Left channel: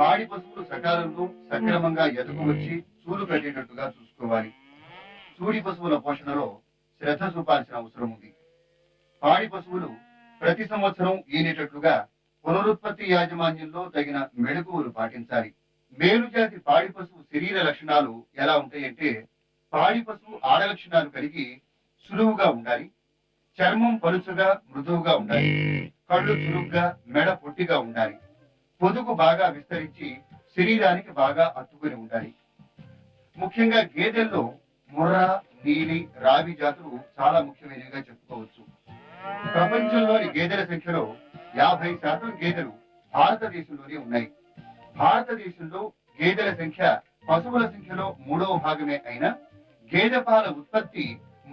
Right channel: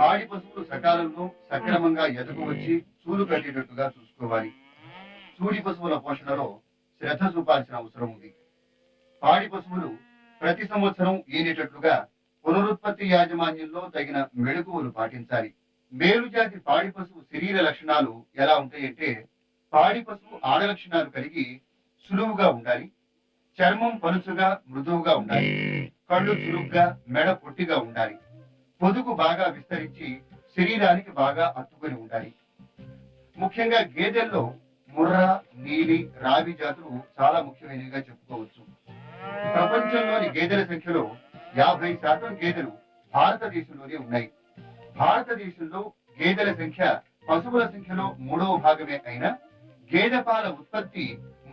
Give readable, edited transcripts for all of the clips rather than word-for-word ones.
పాడి పశువులు సకాలంలో సక్రమంగా ఎదకు వచ్చి చూలు కట్టేటట్టుగా చూసుకోవాలి. చూడి పశువుల పోషణలో శ్రద్ధ చూపాల్సిన అవసరం ఉంది. పాడి పశువులు ప్రతి సంవత్సరం ఈనేటట్లుగా పునరుత్పత్తి యాజమాన్యంలో తగిన మెళకువలు పాటించాలి. మేలుజాతి పాడి పశువు శరీర లక్షణాలు ఎలా ఉంటాయంటే, పాడి పశువు ఆడ లక్షణాలు కలిగి సులువుగా ఉండాలి, చర్మం పలుచుగా మృదువుగా ఉండాలి, కళ్ళు చురుగ్గా మెడ పొట్టిగా ఉండాలి, పొదుగు బాగా విస్తరించి శరీరానికి బాగా అత్తుకొని ఉండాలి. ముఖ్యంగా గేదెల్లో ముర్రా, నీలి, రావి జాతులు చాలా ముఖ్యమైనవిగా చెప్పుకోవచ్చు. ప్రపంచంలోని గేదెల సంఖ్యలో 50% గేదెలు భారతదేశంలోనే ఉన్నాయి. భారతదేశంలో గేదెల సంఖ్య పశువుల సంఖ్యలో 3వ భాగమే అయినా గేదె పాల ఉత్పత్తి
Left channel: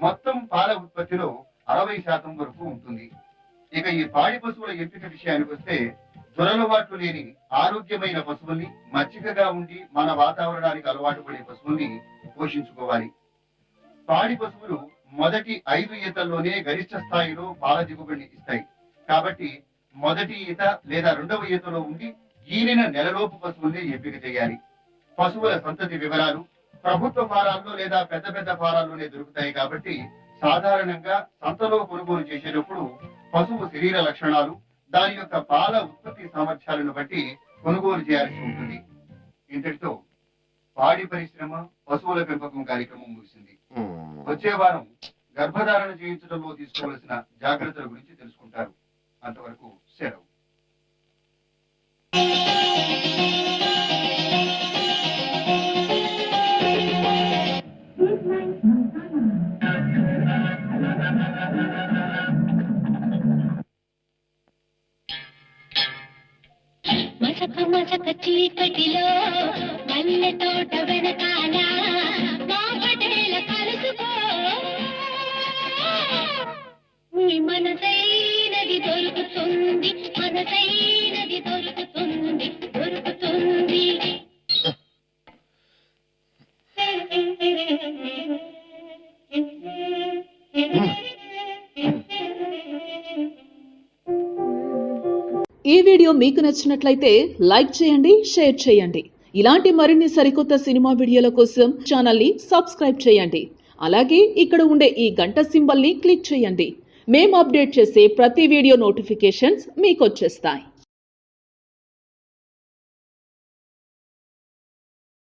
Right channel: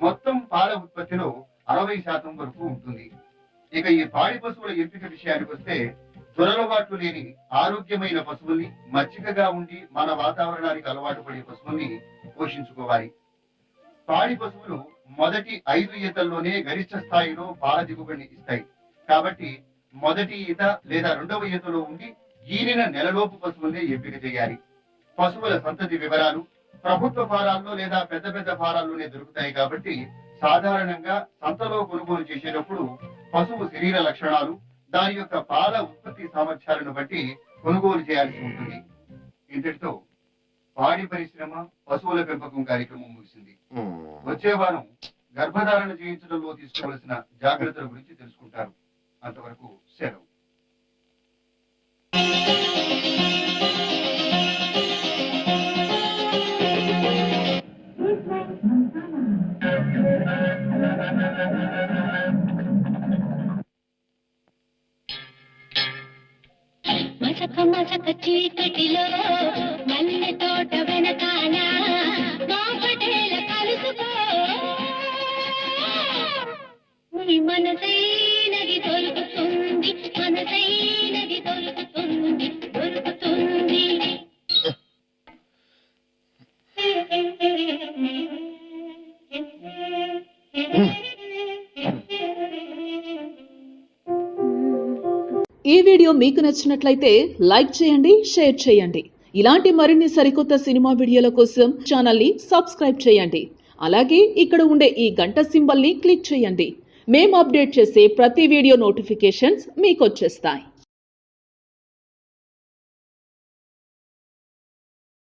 మొత్తం పాల ఉత్పత్తిలో 60% వరకు ఉంటుంది. ఇక ఈ పాడి పశువుల ఎంపిక విషయానికి వస్తే, దురలవాట్లు లేని ఆరోగ్యమైన పశువుల్ని, మచ్చికగా ఉండి మన వాతావరణానికి అలవాటు పడే పశువుల్ని పోషించుకోవాలి. పాడి పశువులు మొదటి 5 ఈతల్లోనే గరిష్ట స్థాయిలో పాల దిగుబడిని ఇస్తాయి. కాబట్టి మొదటి ఈత లేదా 2వ ఈతలో ఉండి ఈనిన నెలలోపు పశువుల్ని ఎంపిక చేయాలి. పశువుల సంతతి వివరాలు ప్రభుత్వ ఫారాల్లో లేదా పెద్ద పెద్ద ఫారాల్లోనే దొరుకుతాయి. కాబట్టి సాధారణంగా సంతలో కొనుగోలు చేసేటప్పుడు పశువు శరీర లక్షణాలు, దాని యొక్క పాల ఉత్పత్తి సామర్థ్యాలను బట్టి కొనుగోలు చేయాల్సి ఉంటుంది. ఇంతటితో పాడి పరిశ్రమ, పశువుల పెంపకం కార్యక్రమం ముగిసింది. వచ్చే వారం గర్భధారణ చేయించడంలో తీసుకోవలసిన జాగ్రత్తల గురించి తెలుసుకుంటారు. అంతవరకు సెలవు. మసక మసక చీకటిలో మల్లె తోట వెనకాల మా పటేల కలుసుకో, నీ మనసైనది దొరుకుతుంది, మనసైనది దొరుకుతుంది, దొరుకుతుంది. ఈ వీడియో మీకు నచ్చినట్లయితే లైక్ చేయండి, షేర్ చేయండి. ఇలాంటి మరిన్ని సరికొత్త సినిమా వీడియోల కోసం ఛానల్ని సబ్స్క్రైబ్ చేయండి. అలాగే ఇక్కడ ఉండే ఈ గంట సింబల్ని క్లిక్ చేయండి. మేము అప్డేట్ చేసే ప్రతి వీడియో నోటిఫికేషన్స్ మీకు వచ్చేస్తాయి.